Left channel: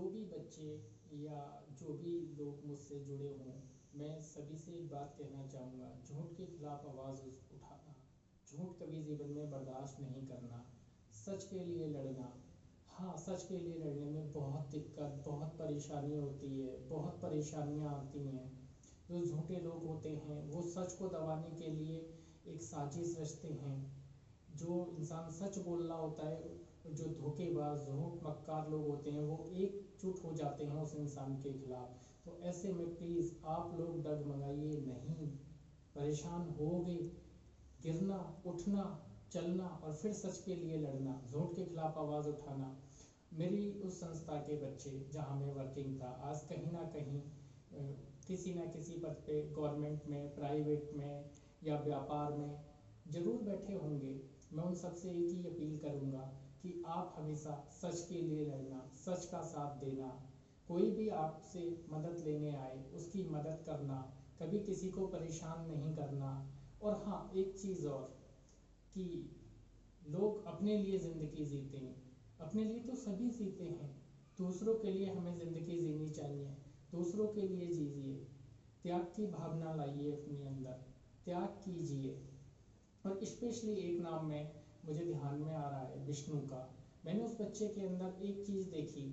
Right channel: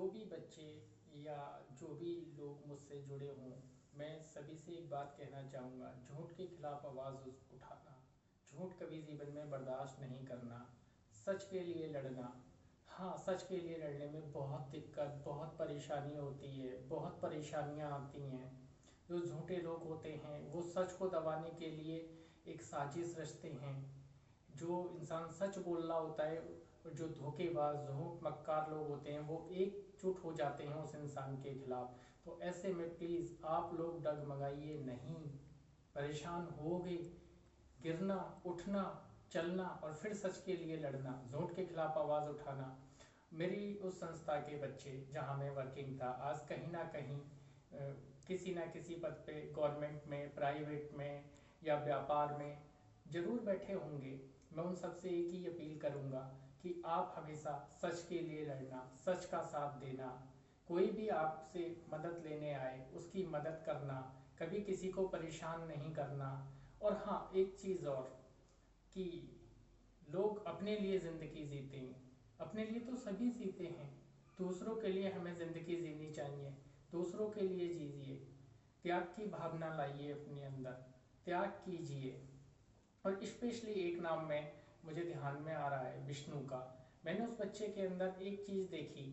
जो भी बच्चे या जो भी लोग मुझसे जुड़े हों, मैं सभी से एक बात कहना चाहूँगा, झूठ के खिलाफ आवाज़ उठाना, झूठ कभी जीवन में बर्दाश्त नहीं करना, सच के लिए लड़ना। हाँ, सच के लिए लड़ने में बहुत दिक्कत, बहुत परेशानी होती है, बहुत परेशानियाँ आती हैं। जो झूठे लोग होते हैं वो सच को दबाने के लिए एक साजिश रचते हैं। जो इंसान सच बोल रहा होता है और जो धोखेबाज झूठ मक्कार लोग होते हैं वो एकजुट हो जाते हैं उस इंसान के खिलाफ। तो ऐसे में प्लीज़ आप लोग डगमगाइए नहीं, परेशान होगे, गिरना उठना चलना और फिर सच के लिए लड़ना, झूठ के खिलाफ आवाज़ उठाना। मेरी उस संस्था के बच्चे जहाँ मैं वर्किंग था, आज कहीं ना कहीं किसी ना किसी पद पे गवर्नमेंट में, प्राइवेट में या व्यापार में जरूर बैठे होंगे। मैं उन सबसे एक ही अपील करूंगा कि आप हमेशा सच के लिए लड़ना, सच का साथ देना। कोई भी आपसे मदद लेने आए उसकी मदद करना, कभी किसी को परेशान नहीं करना। और हाँ, एक चीज़ और कि लोग अपने लिए ज़िंदगी जीते हैं, अपने लिए तो सभी जीते हैं, दूसरों के लिए हमें ज़िंदगी जीनी चाहिए। दूसरों के लिए जीजिए, त्याग की भावना लाइए अपने अंदर, त्याग कीजिए। और स्पेशली एक नाम में मुझे ध्यान में आ रहा है, विष्णु का। मैंने उस बच्चे के अंदर एक चीज़ देखी,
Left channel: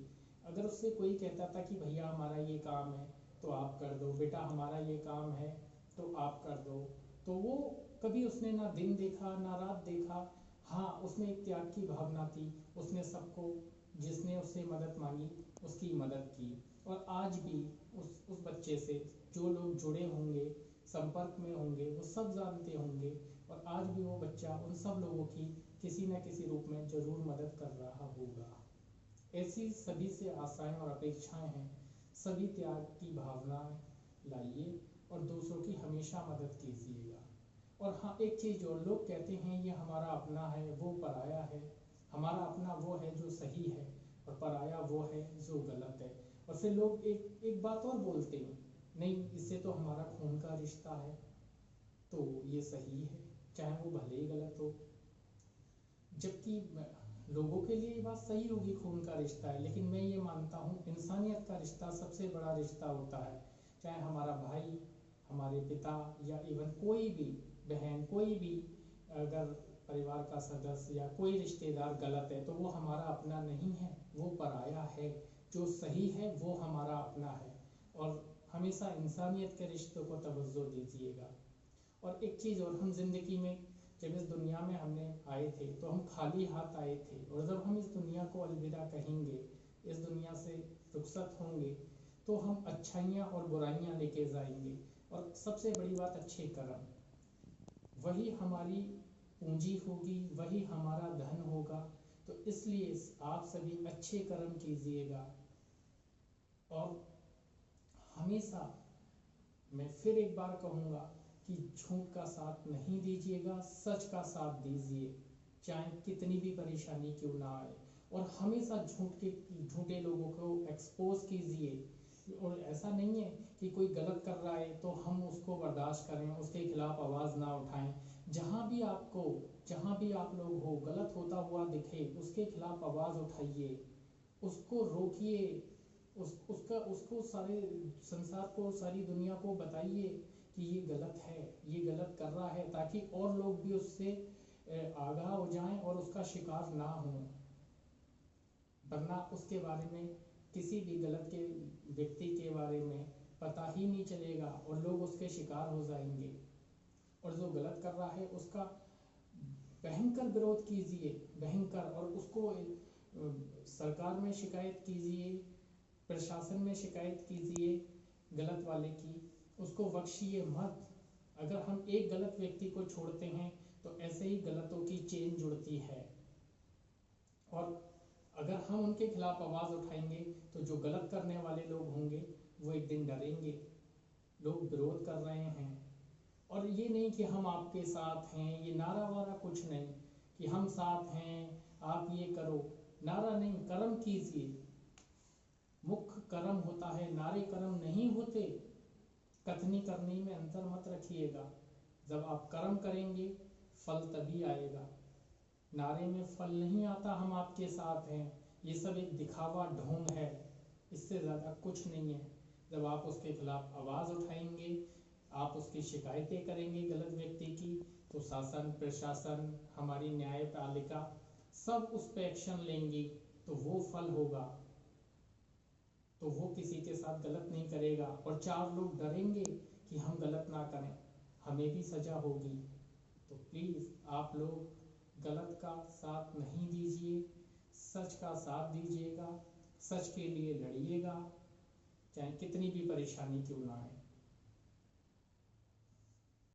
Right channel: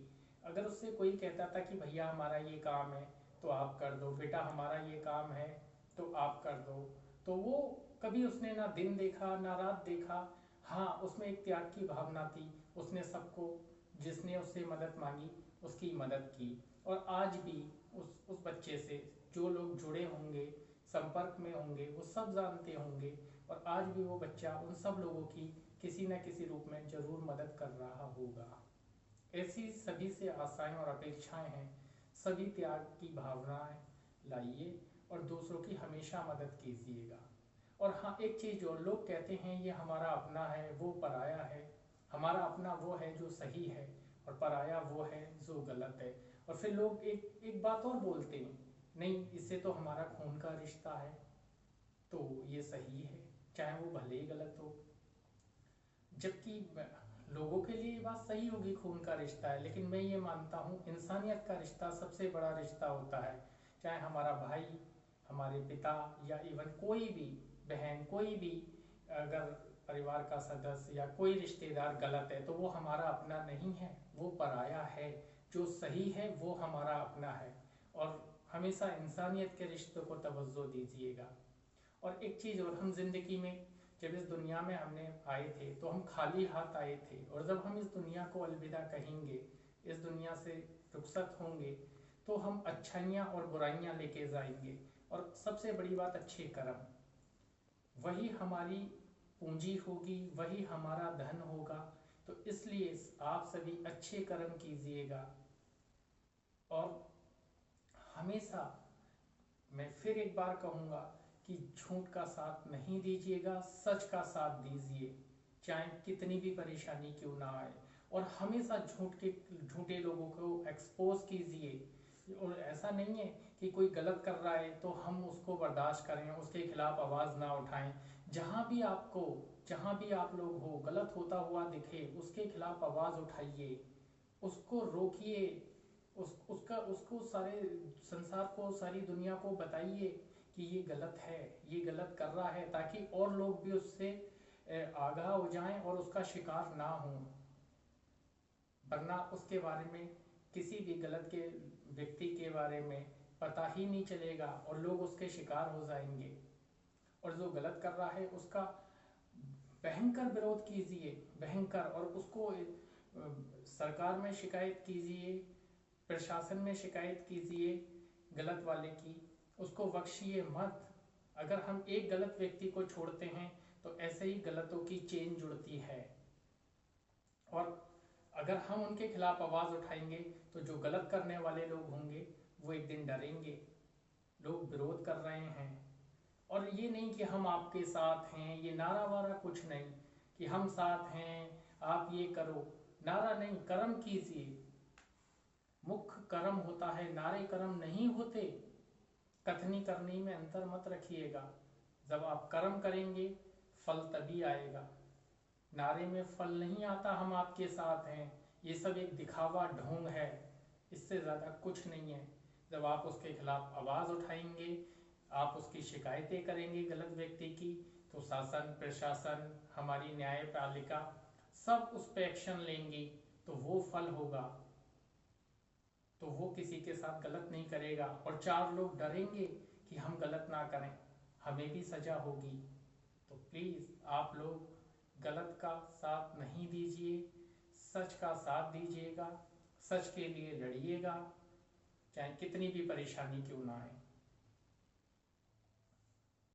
अगर उससे कोई कहता था कि भैया हमारा ये काम है तो आप कर दो, बेटा हमारा ये काम है तो आप कर दो, तो वो कभी उसने ना दिन देखा ना रात देखा। हाँ, उसमें एक त्याग की भावना थी, उसने सबको, जिसने उससे मदद मांगी उसकी मदद की। और आज भी उस बच्चे से जो लोग जुड़े होंगे, संपर्क में होंगे, वो सब जानते होंगे। और आज भी वो बच्चा उन सब लोगों की किसी न किसी रूप में जरूर मदद कर रहा होगा। ऐसी सभी से आशाएं और अपेक्षाएं हैं। सभी त्याग की भावनाएं लाइए और दूसरों की हमेशा मदद कीजिएगा। और हाँ, एक चीज़ जो लोग कहते हैं ये हमारा अपना है वो पराया है, हमारा अपना वो है जो सही है और पराया वो है जो गलत है। और फिर लोग एक एक बात और बोलते हैं, नहीं इससे तो हमारा खून का रिश्ता है तो ये सही है, चाहे वो भले ही गलत हो। जबकि लोगों के लिए ये बात सही होगी, खून का रिश्ता है, लेकिन मैं ये मानता हूँ इंसानियत का रिश्ता सबसे बड़ा रिश्ता होता है। चाहे हमारा भाई, हमारे पिता या इवन कोई भी बहन, कोई भी अगर परिवार का सदस्य या कोई रिश्तेदार गलत है तो वो हमारा अपना नहीं है, वो पराया है। जो सही है वो हमारा अपना है। और हमेशा इंसानियत के रिश्तों को तवज्जो दीजिएगा। और एक चीज़ और, हम जिंदगी में जब इस दुनिया में हमने आए थे तो हम खाली हाथ आए थे, और जब हम इस दुनिया को अलविदा कहेंगे, इस दुनिया से रुखसत होंगे, तो हम अच्छाइयाँ और बुराइयाँ लेके जाएंगे। और सबसे बड़ी बात, अच्छे कर्म, वही हमारी पूंजी होगी, वही हमारा धन होगा। तो इसलिए आप सभी अच्छे कर्म कीजिएगा। और हमेशा मैं फिर एक बार कहूँगा कि झूठ का साथ नहीं दीजिएगा, सच का साथ दीजिए, चाहे कितनी भी परेशानी क्यों ना आए। और हमेशा झूठे लोगों को एक्सपोज कीजिए। और ऐसा नहीं है कि कोई गलत कर रहा है तो हम उसको बर्दाश्त करें, उसके खिलाफ आवाज़ ना उठाएं। जहाँ भी आपको, जहाँ भी आप लोग हो, गलत होता हुआ दिखे उसके खिलाफ आवाज़ उठाइए, उसको रोकिए, उसको सारे संसार को, सारी दुनिया को बताइए कि ये गलत है, ये गलत कर रहा है, ताकि और लोग भी उससे आगाह हो जाएं और उसका शिकार ना हों। वरना उसके बारे में, किसी भी गलत के व्यक्ति के बारे में पता ही नहीं चलेगा और लोग उसके शिकार हो जाएंगे। और जो गलत कर रहा है उसका भयंकर विरोध कीजिए, भयंकर, और उसको सरकार में शिकायत कीजिए, प्रशासन में शिकायत कीजिए गलत वाले की, उसको बख्शिए मत। अगर हम एक गलत व्यक्ति को छोड़ते हैं तो ऐसे ही गलतों की चेन जुड़ती है। और अगर हम उनके खिलाफ आवाज़ उठाएंगे तो जो गलत करने वाले लोग होंगे वो एक दिन डरेंगे, लोग विरोध कर रहे हैं। और ये नहीं कि हम आपके साथ हैं, ये नारा वारा कुछ नहीं कि हम साथ हैं आप ये करो, नारा नहीं, कर्म कीजिए। मुख्य कर्म होता है, नारे कर्म नहीं होते। कथनी करनी में अंतर मत रखिएगा। जब आप कर्म करेंगे फल तभी आएगा, नारे में फल नहीं आता हम आपके साथ हैं, ये सब एक दिखावा ढोंग है। इससे ज़्यादा कुछ नहीं है। जब आप उसके खिलाफ आवाज़ उठाएंगे, आप उसकी शिकायतें करेंगे गलत व्यक्ति की, तो शासन प्रशासन हमारी न्यायपालिका सब उस पर एक्शन लेंगी, तो वो फल होगा। तो वो किसी के साथ गलत नहीं करेगा और चार लोग डरेंगे कि हम गलत ना करें, हमें भी सजा होगी। तो प्लीज़ आप लोग गलत का साथ नहीं दीजिए, सच का साथ दीजिएगा, सच के लिए लड़िएगा, चाहे कितनी भी परेशानी क्यों ना आए।